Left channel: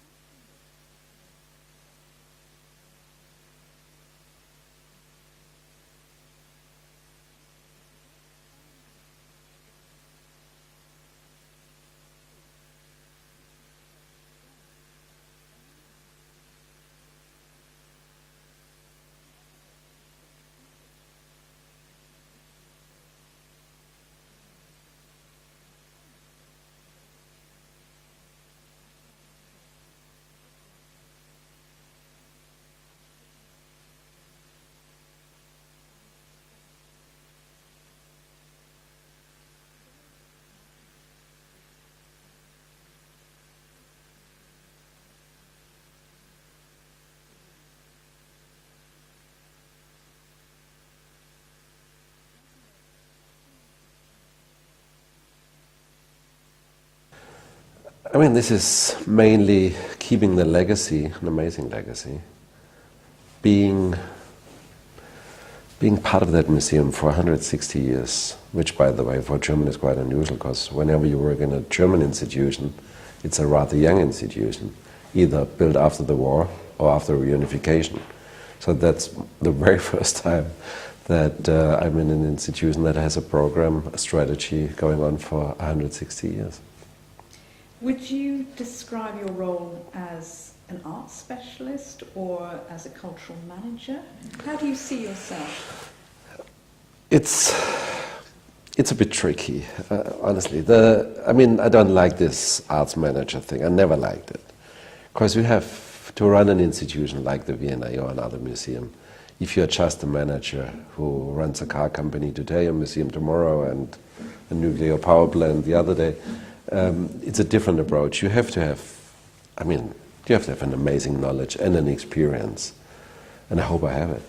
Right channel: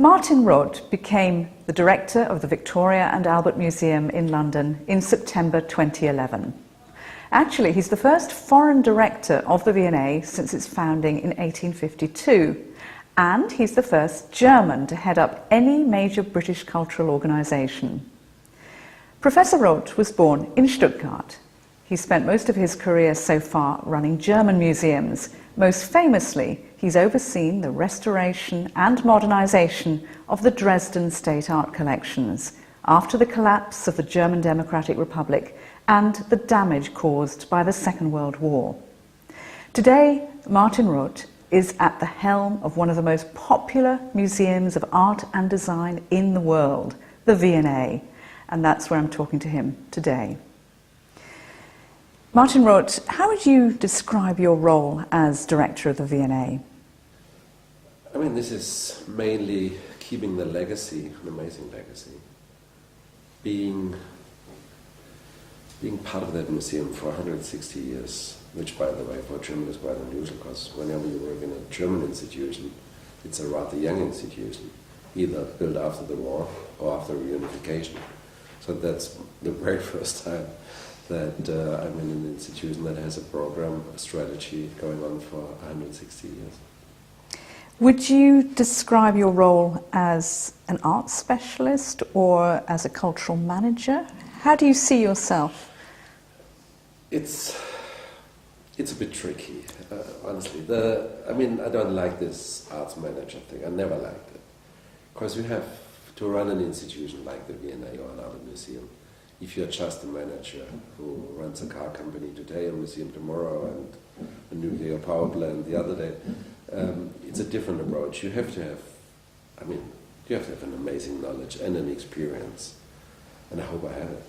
Martin Roth became the director of the Victoria and Albert Museum in London in September 2011. Actually, he's the first foreign director of the V&A since its founding in 1852, and he's the first German to head up any major British cultural organisation. Professor Roth was born in Stuttgart. He spent most of his career so far running German museums. Most famously, he's overseen the restoration and modernisation of the Dresden state art collections after the collapse of the German Democratic Republic and the damage caused by the Second World War. Today, Martin Roth is at the helm of one of the most popular museums of art and design in the world, the V&A, and that's where I'm talking to him today. Martin Roth, how would you describe your role as director of the V&A? I mean, this is mainly keeping the legacy, an amazing legacy, being part of that museum for 160 years, which, by the way, for Germany is quite unusual, because whenever you work in a German institution, it's a rather young institution, either built after the war or after reunification. So that's the very first time that I'm in an institution that has a program, a strategy going on for 160 years. Would you describe your role as an art specialist or as a cultural manager? How do you see yourself? It's a bit tricky, honestly. I mean, I don't like this arts manager thing. I never liked it. Because you have to run an institution like the V&A or another museum. If you're just a manager who runs a car company today, a museum tomorrow, and a nuclear power plant the other day, it's a different approach. You have to have, you have to have an amazing knowledge and an experience, and I hope I have it,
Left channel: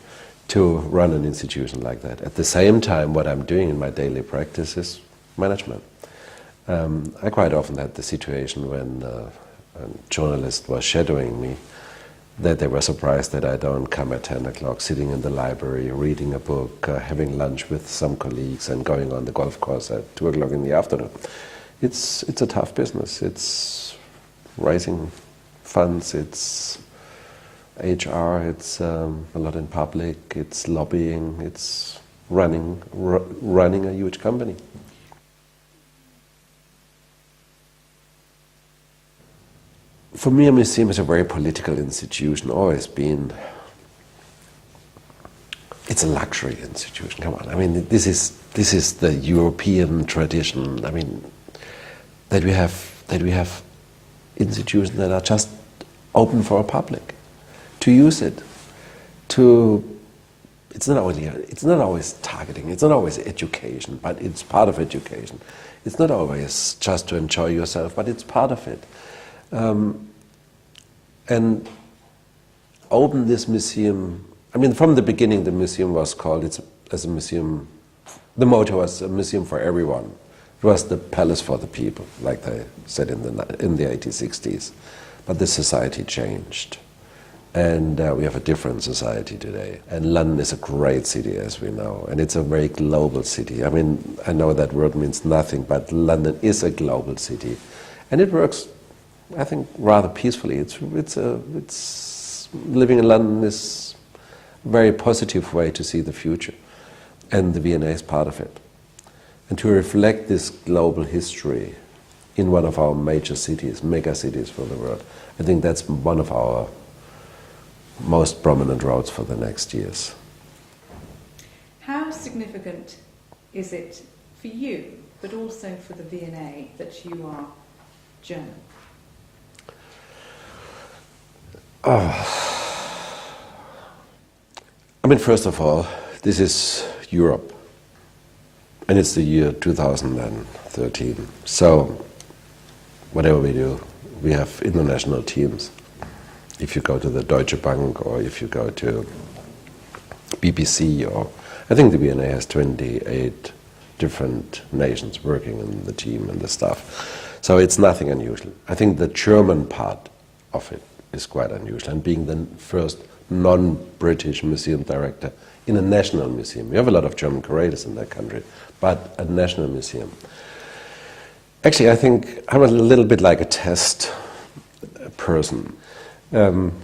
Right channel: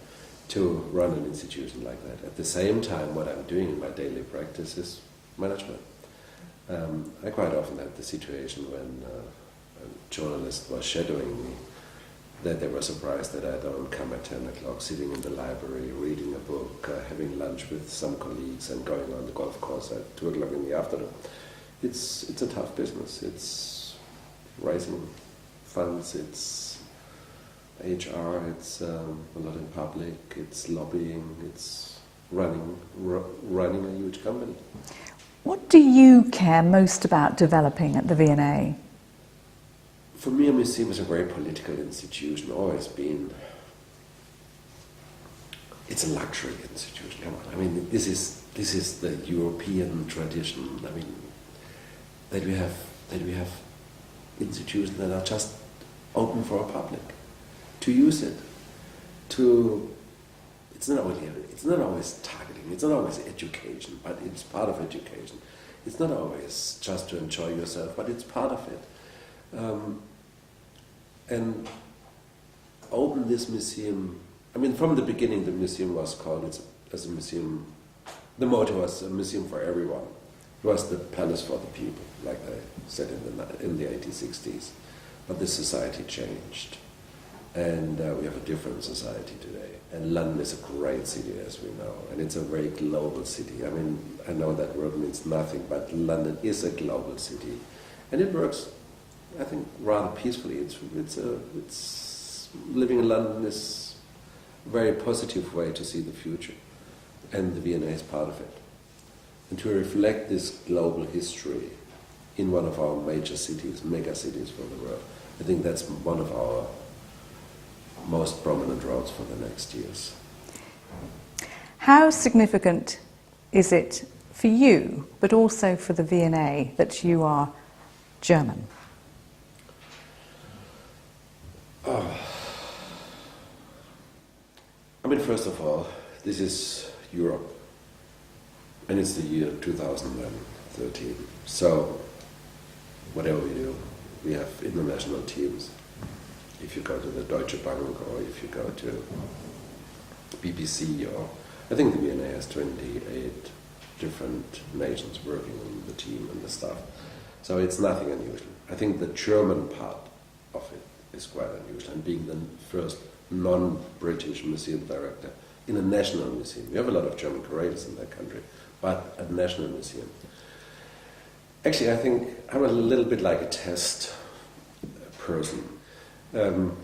to run an institution like that. At the same time, what I'm doing in my daily practice is management. I quite often had the situation when a journalist was shadowing me, that they were surprised that I don't come at 10 o'clock, sitting in the library, reading a book, having lunch with some colleagues and going on the golf course at 2 o'clock in the afternoon. It's a tough business. It's raising funds, it's HR, it's a lot in public, it's lobbying, it's running a huge company. What do you care most about developing at the V&A? For me, a museum is a very political institution, always been. It's a luxury institution, come on. I mean, this is the European tradition. I mean, that we have institutions that are just open for a public, to use it, it's not always targeting, it's not always education, but it's part of education. It's not always just to enjoy yourself, but it's part of it. And open this museum, I mean, from the beginning the museum was called, as a museum, the motto was a museum for everyone. It was the palace for the people, like they said in the 1860s. But the society changed. And we have a different society today. And London is a great city, as we know. And it's a very global city. I mean, I know that word means nothing, but London is a global city. And it works, I think, rather peacefully. It's living in London is a very positive way to see the future. And the V&A is part of it. And to reflect this global history in one of our major cities, mega cities for the world, I think that's one of our most prominent roles for the next years. How significant is it for you, but also for the V&A, that you are German? I mean, first of all, this is Europe. And it's the year 2013. So, whatever we do, we have international teams. If you go to the Deutsche Bank, or if you go to BBC, or I think the V&A has 28 different nations working in the team and the staff. So it's nothing unusual. I think the German part of it is quite unusual, and being the first non-British museum director in a national museum. We have a lot of German curators in that country, but a national museum. Actually, I think I'm a little bit like a test person.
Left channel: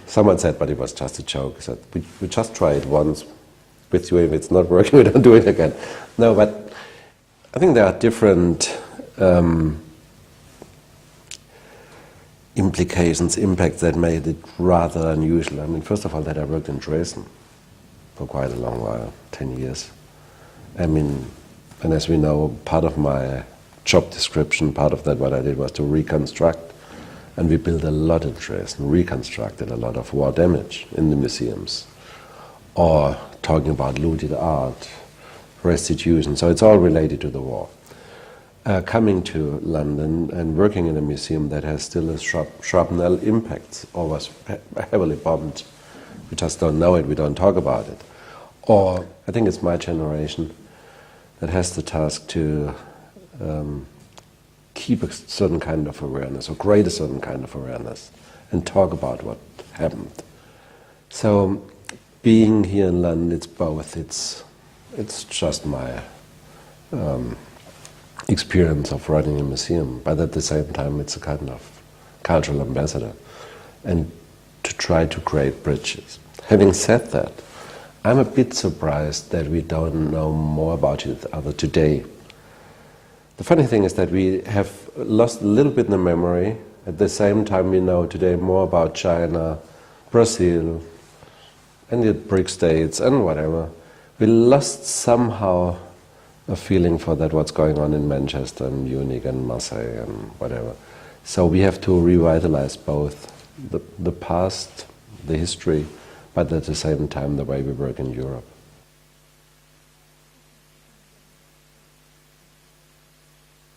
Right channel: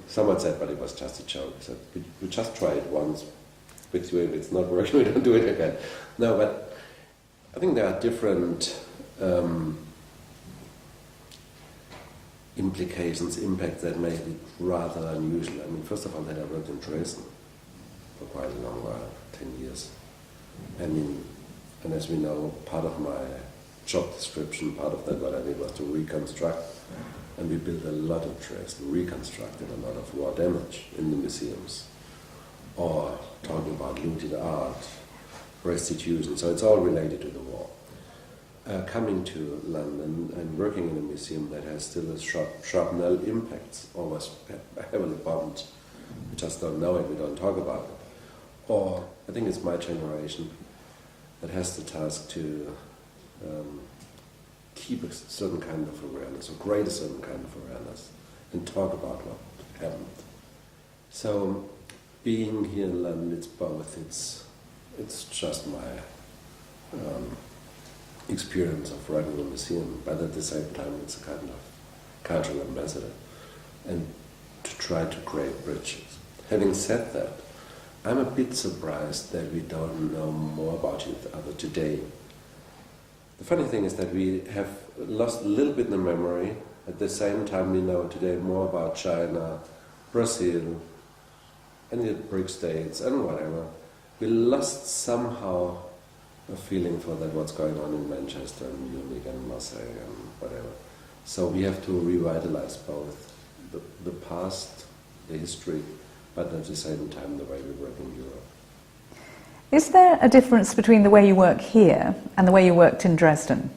Someone said, but it was just a joke. He said, we just try it once with you. If it's not working, we don't do it again. No, but I think there are different implications, impacts that made it rather unusual. I mean, first of all, that I worked in Dresden for quite a long while, 10 years. I mean, and as we know, part of my job description, part of that what I did was to reconstruct. And we built a lot in Dresden, reconstructed a lot of war damage in the museums. Or talking about looted art, restitution, so it's all related to the war. Coming to London and working in a museum that has still a shrapnel impact, or was heavily bombed, we just don't know it, we don't talk about it. Or, I think it's my generation that has the task to keep a certain kind of awareness, or create a certain kind of awareness, and talk about what happened. So, being here in London, it's both. It's just my experience of running a museum, but at the same time, it's a kind of cultural ambassador, and to try to create bridges. Having said that, I'm a bit surprised that we don't know more about each other today. The funny thing is that we have lost a little bit in the memory. At the same time, we know today more about China, Brazil, and the BRIC states, and whatever. We lost somehow a feeling for that, what's going on in Manchester and Munich and Marseille and whatever. So we have to revitalize both the past, the history, but at the same time the way we work in Europe. Is there a difference between the way you work here and the way you worked in Dresden?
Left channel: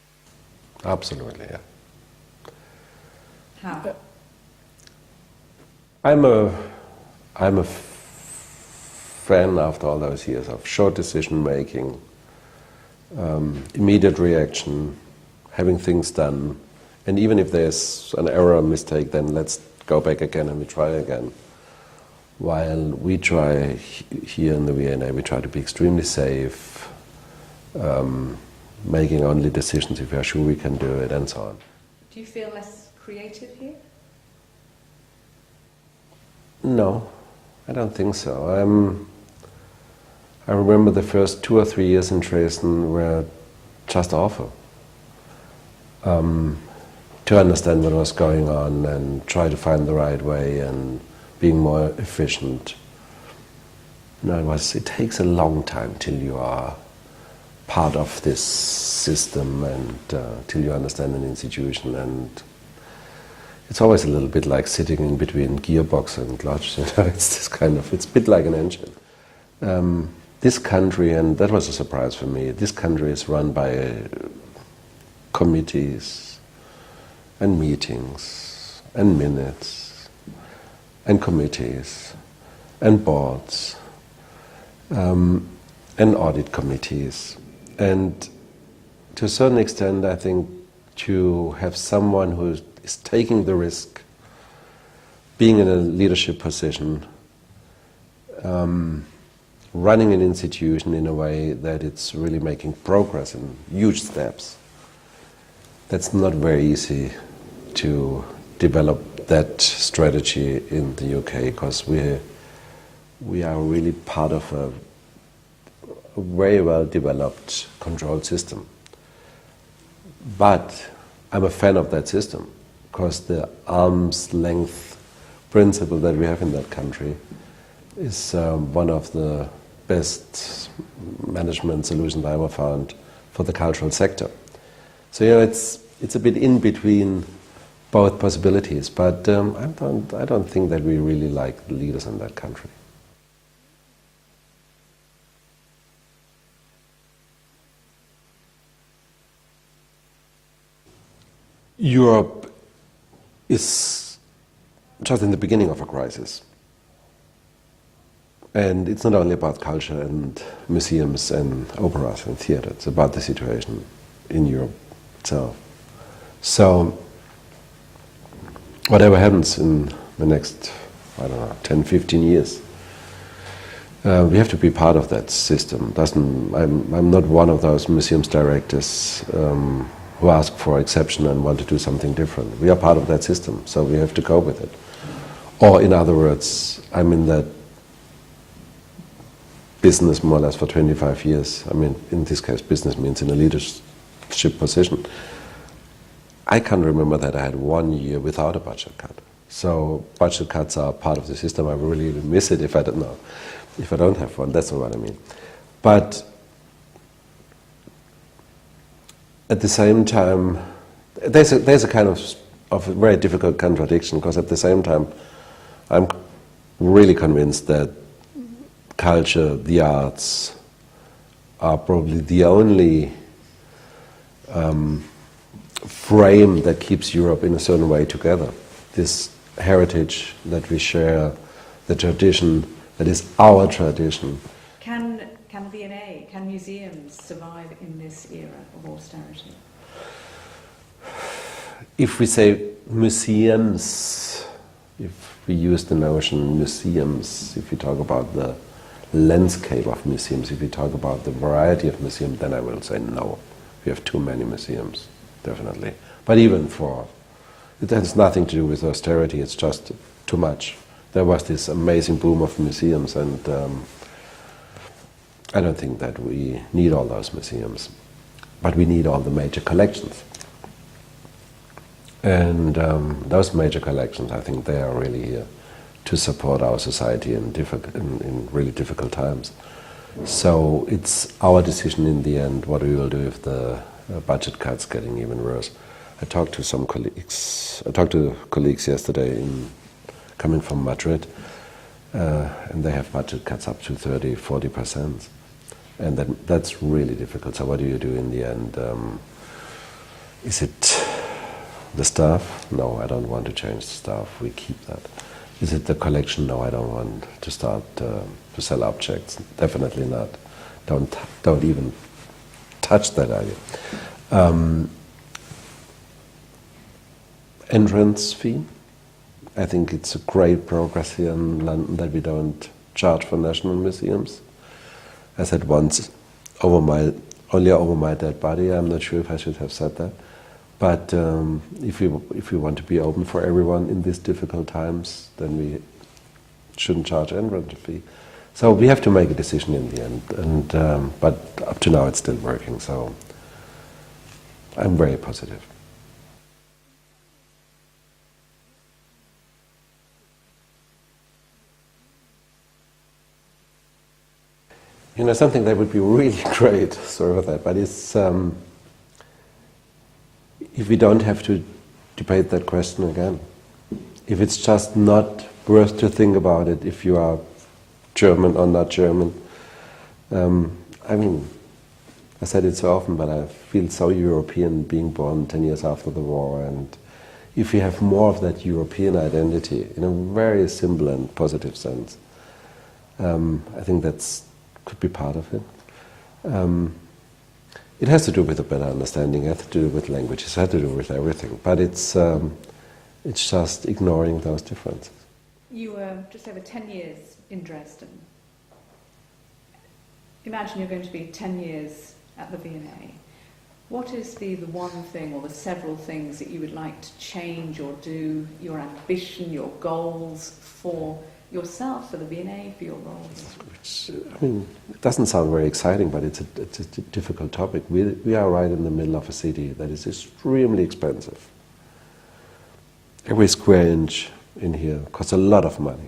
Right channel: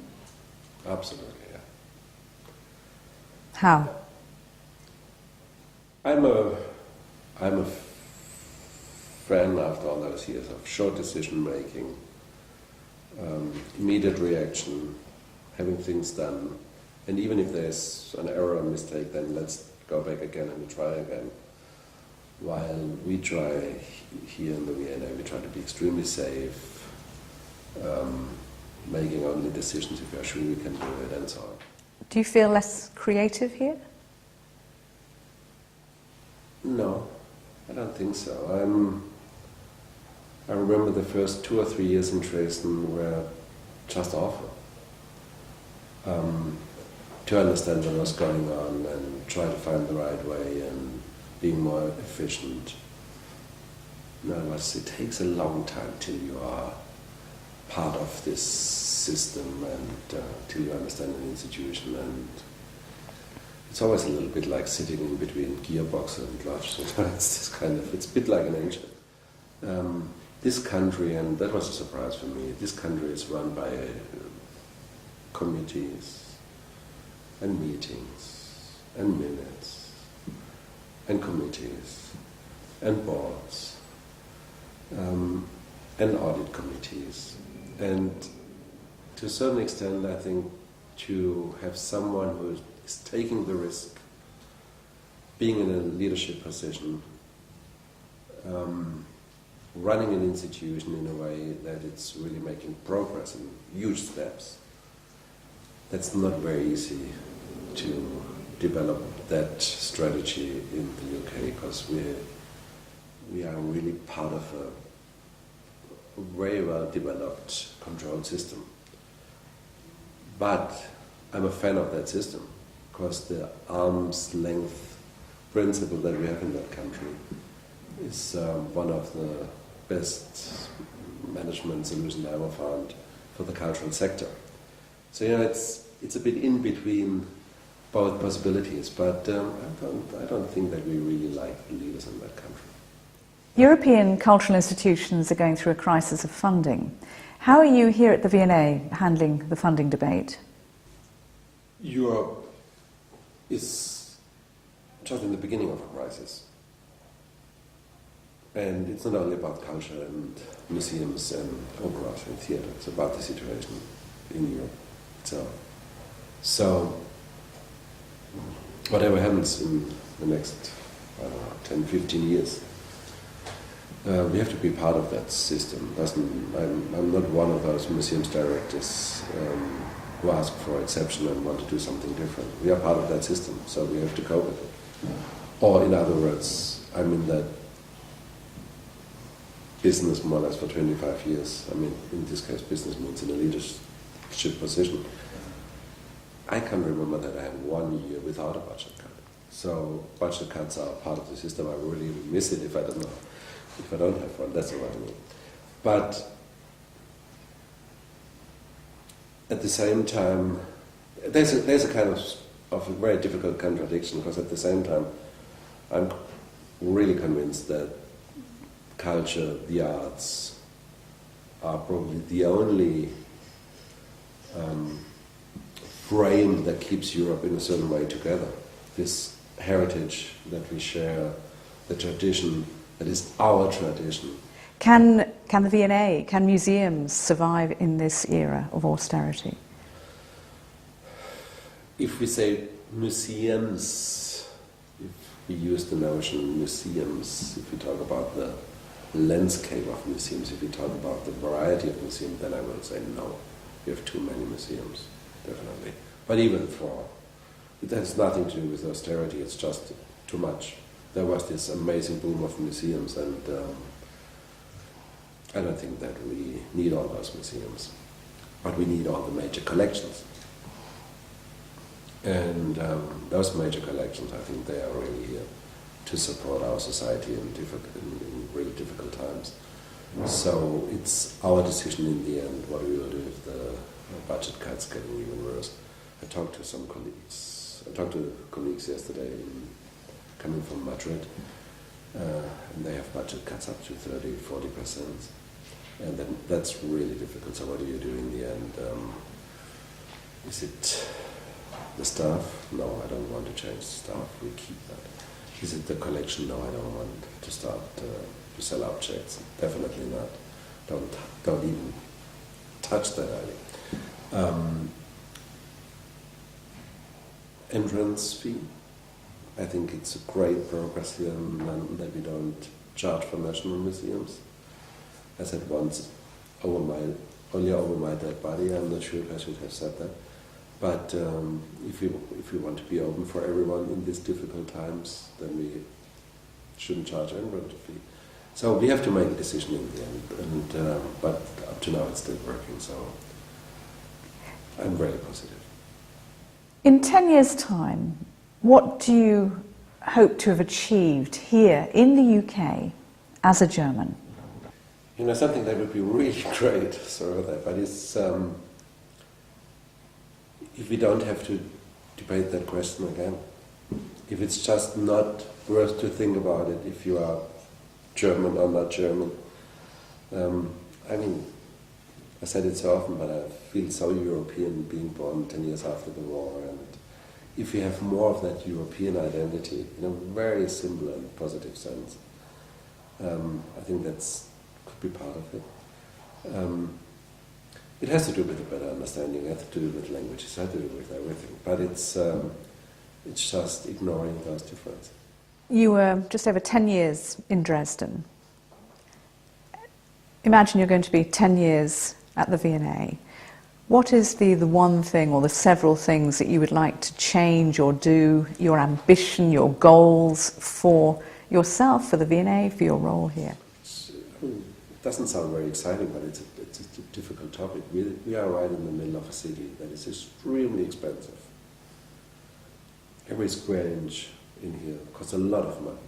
Absolutely, yeah. How? I'm a fan after all those years of short decision making, immediate reaction, having things done, and even if there's an error or mistake, then let's go back again and we try again. While we try here in the V&A, we try to be extremely safe, making only decisions if we are sure we can do it, and so on. Do you feel less creative here? No, I don't think so. I remember the first 2 or 3 years in Dresden were just awful. To understand what was going on and try to find the right way and being more efficient. No, it takes a long time till you are part of this system and till you understand an institution, and it's always a little bit like sitting in between gearbox and clutch. You know, it's this kind of, it's a bit like an engine. This country, and that was a surprise for me, this country is run by committees and meetings and minutes and committees and boards and audit committees. And to a certain extent, I think to have someone who is taking the risk, being in a leadership position, running an institution in a way that it's really making progress and huge steps, that's not very easy to develop that strategy in the UK, because we are really part of a very well developed control system. But I'm a fan of that system, because the arm's length principle that we have in that country is one of the best management solutions I ever found for the cultural sector. So you know, it's a bit in between both possibilities, but I don't think that we really like the leaders in that country. European cultural institutions are going through a crisis of funding. How are you here at the V&A handling the funding debate? Europe is just in the beginning of a crisis. And it's not only about culture and museums and operas and theatre, it's about the situation in Europe itself. So, whatever happens in the next, I don't know, 10, 15 years, we have to be part of that system. I'm not one of those museums directors who ask for exception and want to do something different. We are part of that system, so we have to go with it. Or in other words, I'm in that business more or less for 25 years. I mean, in this case, business means in a leadership position. I can't remember that I had 1 year without a budget cut. So budget cuts are part of the system. I really miss it if I don't have one. That's not what I mean. But at the same time, there's a kind of a very difficult contradiction, because at the same time, I'm really convinced that culture, the arts, are probably the only frame that keeps Europe in a certain way together. This heritage that we share, the tradition that is our tradition. Can the V&A, can museums survive in this era of austerity? If we say museums, if we use the notion museums, if we talk about the landscape of museums, if we talk about the variety of museums, then I will say no. We have too many museums, definitely. But even it has nothing to do with austerity, it's just too much. There was this amazing boom of museums, and I don't think that we need all those museums, but we need all the major collections. And those major collections, I think they are really here to support our society in really difficult times. So it's our decision in the end what we will do if the budget cuts getting even worse. I talked to colleagues yesterday coming from Madrid, and they have budget cuts up to 30–40%. And that's really difficult. So what do you do in the end? Is it the staff? No, I don't want to change the staff. We keep that. Is it the collection? No, I don't want to start to sell objects. Definitely not. Don't even touch that idea. Entrance fee. I think it's a great progress here in London that we don't charge for national museums. I said once, only over my dead body. I'm not sure if I should have said that. But if we want to be open for everyone in these difficult times, then we shouldn't charge entrance fee. So we have to make a decision in the end. And but up to now, it's still working. So I'm very positive. In 10 years' time, what do you hope to have achieved here in the UK as a German? You know, something that would be really great, sorry for that, but it's if we don't have to debate that question again. If it's just not worth to think about it, if you are German or not German. I mean, I said it so often, but I feel so European being born 10 years after the war, and if we have more of that European identity in a very simple and positive sense, I think that's could be part of it. It has to do with a better understanding, it has to do with languages, it has to do with everything, but it's just ignoring those differences. You were just over 10 years in Dresden. Imagine you're going to be 10 years at the V&A. What is the one thing or the several things that you would like to change or do, your ambition, your goals for yourself, for the V&A, for your role here? I mean, it doesn't sound very exciting, but it's a difficult topic. We are right in the middle of a city that is extremely expensive. Every square inch in here costs a lot of money.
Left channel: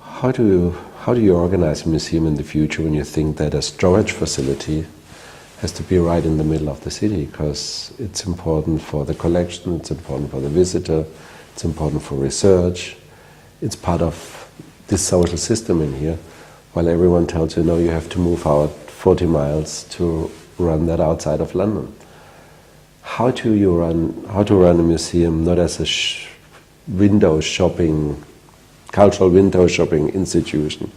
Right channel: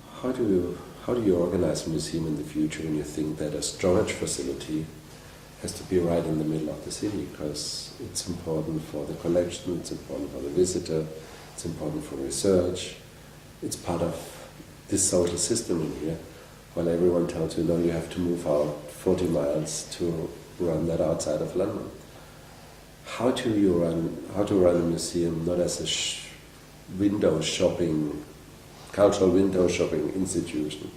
How do you organize a museum in the future when you think that a storage facility has to be right in the middle of the city? Because it's important for the collection, it's important for the visitor, it's important for research, it's part of this social system in here, while everyone tells you, no, you have to move out 40 miles to run that outside of London. How to run a museum not as a window shopping, cultural window shopping institution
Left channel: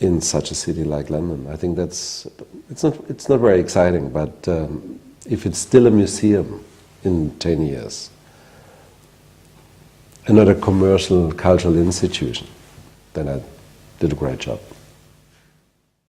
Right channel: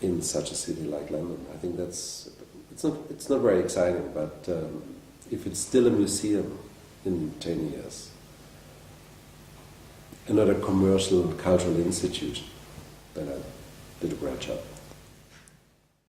in such a city like London? I think it's not very exciting, but if it's still a museum in 10 years, and not a commercial cultural institution, then I did a great job.